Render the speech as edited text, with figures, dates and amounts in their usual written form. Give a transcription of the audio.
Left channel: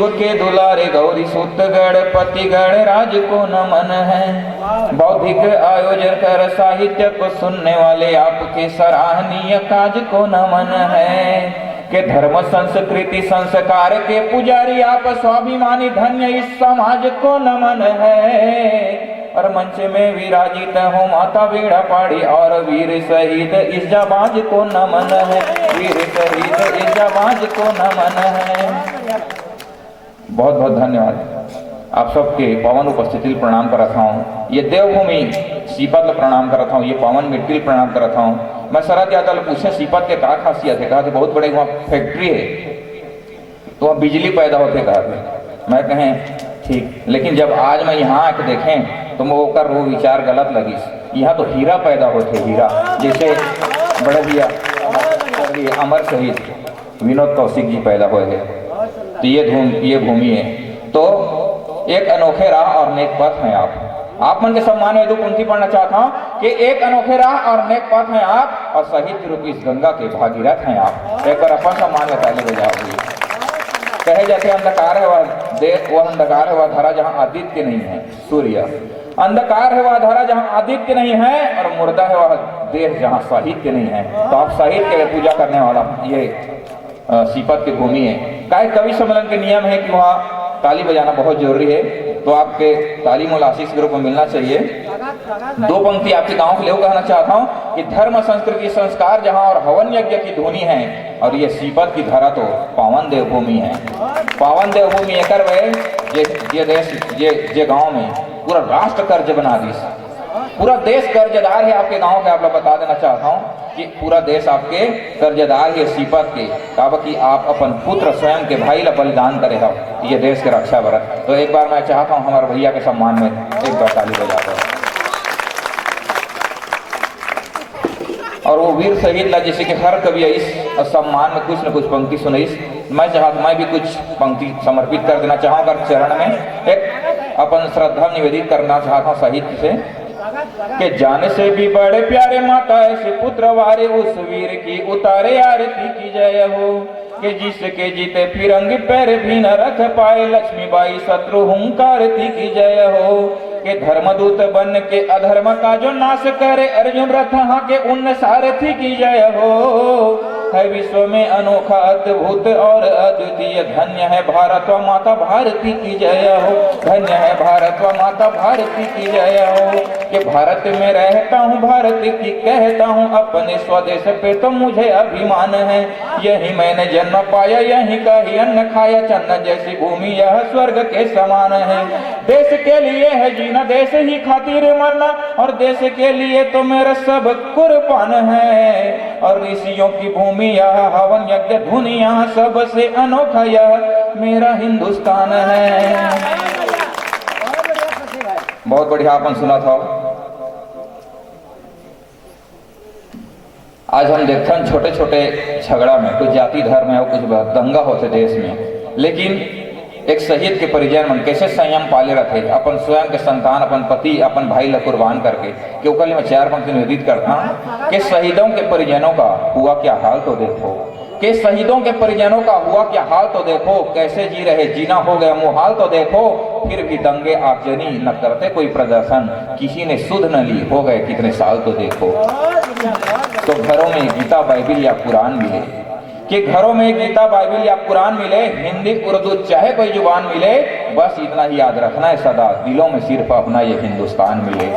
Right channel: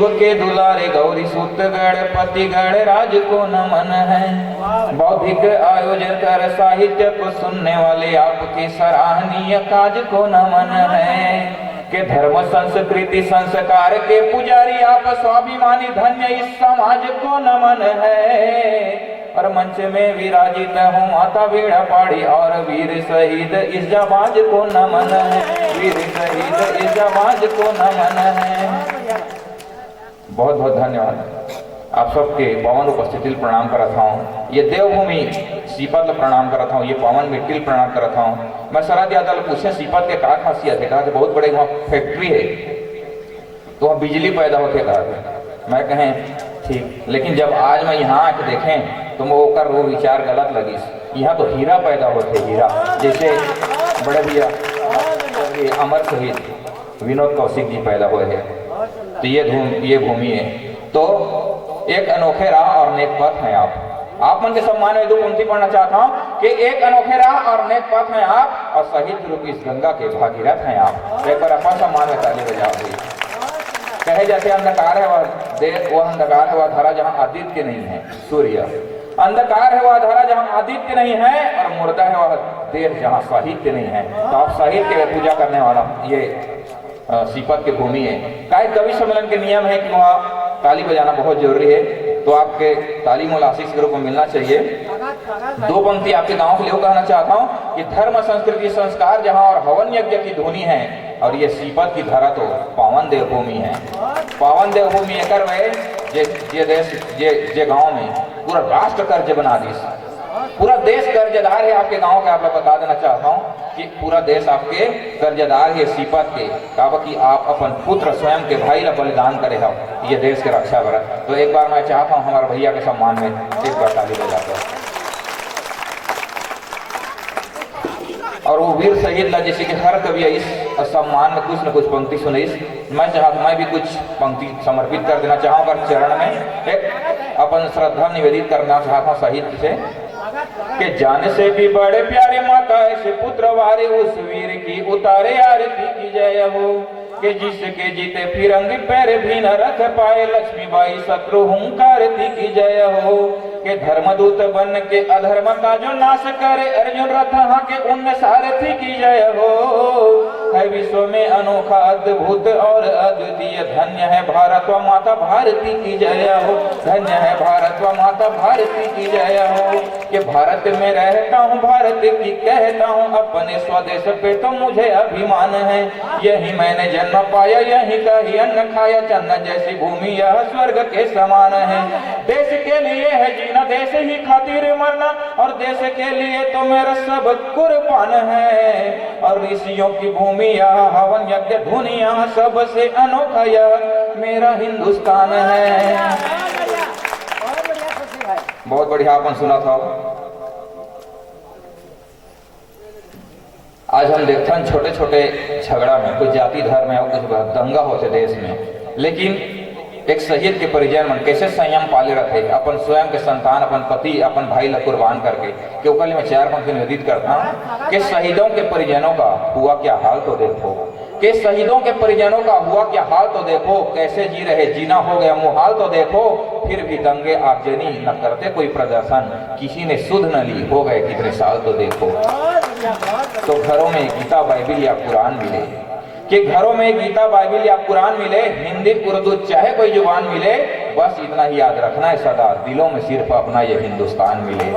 शिव के दुलारे गौरी सुत गणपति गणराज को नमन है। बौद्धिक आयोजन कर साहित्य को सुनने वाले आपके सराहनीय काज को नमन है। के धर्म संस्कृति संस्कार के पुजारी आप स्वाभिमानी धन्य इस समाज को नमन है। और मंच में विराजित हो माता वीणा पाड़ी और वीर शहीद इस जाबाज को नमन है। वीर शहीद इस जाबाज को नमन है। बहुत बहुत धन्यवाद। आप सबके पावन उपस्थिति प्रणाम करता हूँ। ये देवभूमि सीपत प्रणाम करता हूँ। ये पावन मिट्टी प्रणाम करता हूँ। मैं शरद यादव पूछे सीपत के क्या खासियत है, कहा कि बहुत बड़े वहाँ फैक्ट्री है तो वहाँ बिजली पैदा होते। कहा मैं कहें ठीक, लेकिन जब आज मैं यहाँ आके देखें तो वो कर वो विचार गलत लगी। यहाँ तो हीरा पैदा होते, हीरा। जैसे बड़े भैया अमर शहीद विनोद कौशिक जी पैदा हुए हैं। तो ये भूमि है। तो एक अनोखे राह और नेक पथ हैं आप मन के सम्मान में दो पंक्ति पढ़ना चाहता हूँ कि एक अनोखे राह और नेक पथ हैं आप, और साहित्य रूप इस गंगा के भागीरथ हैं आप। एक बार अपन सम्मान में ताली बजाओ। कहे जाते अंधकार है वह अंधकार है वह धारा जहाँ आदित्य नहीं है, सूर्य। अंधकार है वह धारा जहाँ आदित्य नहीं है, और मुर्दा है वह देश जहाँ साहित्य नहीं है। तो आप साहित्य के पूजा करने वाला ये सीपत की भूमि है। कवि सम्मेलन के नियम है कि वहाँ ताली बजाना बहुत जरूरी है, तो आपके ताली मूल आशीष के रूप में मिलना चाहिए। दो पंक्ति आपके गांव के लिए कहना चाहता हूँ कि धर्म संस्कृति संस्कार जहाँ और हवन यज्ञ की धुनी है, और ये सीपत की धरा तो पावन देवभूमि है। पावन देवभूमि एकर वे जे देश जे गांव में पूरा राष्ट्र कर्ज बना दी, पूरा देश कर्जदार है आपके गांव के। आप लोग बता देना चाहता हूँ कि पूरा देश आपके कर्जदार है सीपत के। कहा कि आप अपन पुत्र स्वयं के भाई ला बलिदान करे हो ये देश के रक्षा बर। तो एक बार मैं चाहता हूँ हमारे भैया के सम्मान में एक बार ताली बजाते हैं। और वो वीर शहीद ला जैसे कि हर कवि इस सम्मान में कुछ न कुछ पंक्ति सुनाइस। मैं भी कुछ पंक्ति समर्पित कर देना चाहूँगा चरण में। एक अपन श्रद्धा निवेदित करना चाहता हूँ साहित्य से कि जान से भी बड़े प्यारे माता ऐसे पुत्र वारे उस वीर की उतारे आरती की जय हो। कि जिसके जीते फिरंगी पैर भी न रख पाए लक्ष्मीबाई शत्रु हुंकारती की जय हो। कि धर्मदूत बन के अधर्म का जो नाश करे अर्जुन रथ के उन सारथी की जय हो। है विश्व में अनोखा अद्भुत और अद्वितीय धन्य है भारत व माता भारती की जय हो। धन्य है भारत व माता भारती की जय हो। कि भारत में रहता हूँ भारत की कहता हूँ अपने स्वदेश पे तो मुझे अभिमान है। यही मैंने जन्म पाया यही का ही अन्न खाया चन्न जैसी भूमि यह स्वर्ग के समान है। देश के लिए है जीना देश ही खातिर मरना और देश के लिए तो मेरा सब कुर्बान है। और ऋषियों की भूमि यह हवन यज्ञ दुनिया सबसे अनोखा यह मेरा हिंदुस्तान है। बहुत बढ़िया अपन सुना था। आज हम देखते हैं छोटे छोटे झगड़ा में कुछ जाति धर्म है कुछ दंगा होते देश में, लेकिन एक शहीद के परिजन मन कैसे संयम पाले रखे अपन स्वयं के संतान अपन पति अपन भाई ला कुर्बान करके। क्योंकि मैं चार पंक्ति निवेदित करता हूँ कि शहीदों के परिजनों का हुआ क्या हाल तो देखो। कि शहीदों के परिजनों का हुआ क्या हाल तो देखो। कैसे जी रहे जीना हो गया मुहाल तो देखो। फिर भी दंगे आगजनी न करते कोई प्रदर्शन किसी ने सुध न ली हो गए कितने साल तो देखो। तो घरों में गीता बाइबिल या कुरान मिले कि घरों में गीता बाइबिल या कुरान मिले हिंदी उर्दू चाहे कोई जुबान मिले बस इतना ही याद रखना है सदा दिलों में सिर्फ अपना ये हिंदुस्तान मिले।